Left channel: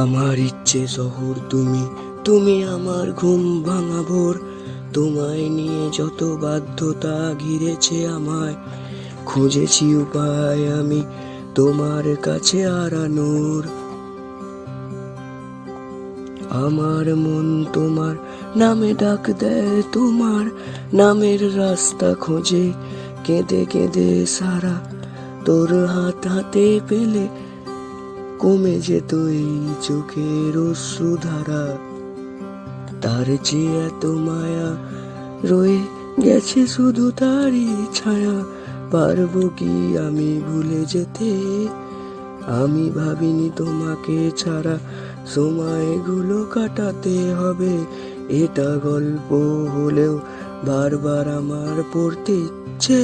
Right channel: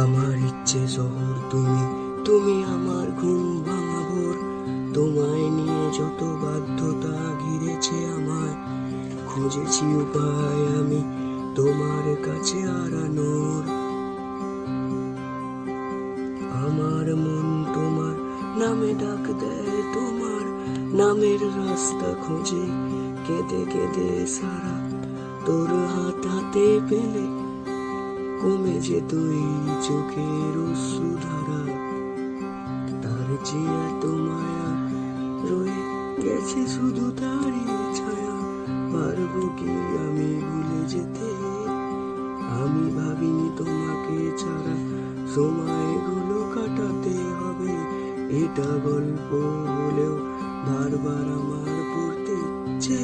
আমার ইচ্ছে শহর তুমি, তুমি আমার ঘুম ভাঙা ভোর। তোমায় নিয়ে যত বাধ্যতা ঘিরেছে আমায়, খুঁজেছি উপায় আমি তোমার কাছে হারানোর। আমার মন তোমার নামে ডাক দেয়, তোমার নামের রাস্তা খোঁজে কেঁদে কেঁদে সারা। তোর হাত হাতে পেলে কমে যেত এই চোখের অশ্রুধারা। তার চেয়ে এত মায়া রয়ে গেছে শুধু তারই ছায়া। পারবো কি আমি ভুলে যেতে? আমি ভাবিনি তোমাকে ছাড়া সময়গুলো কাটাতে হবে। এটা গল্প হলেও বারবার আমার পড়তে ইচ্ছে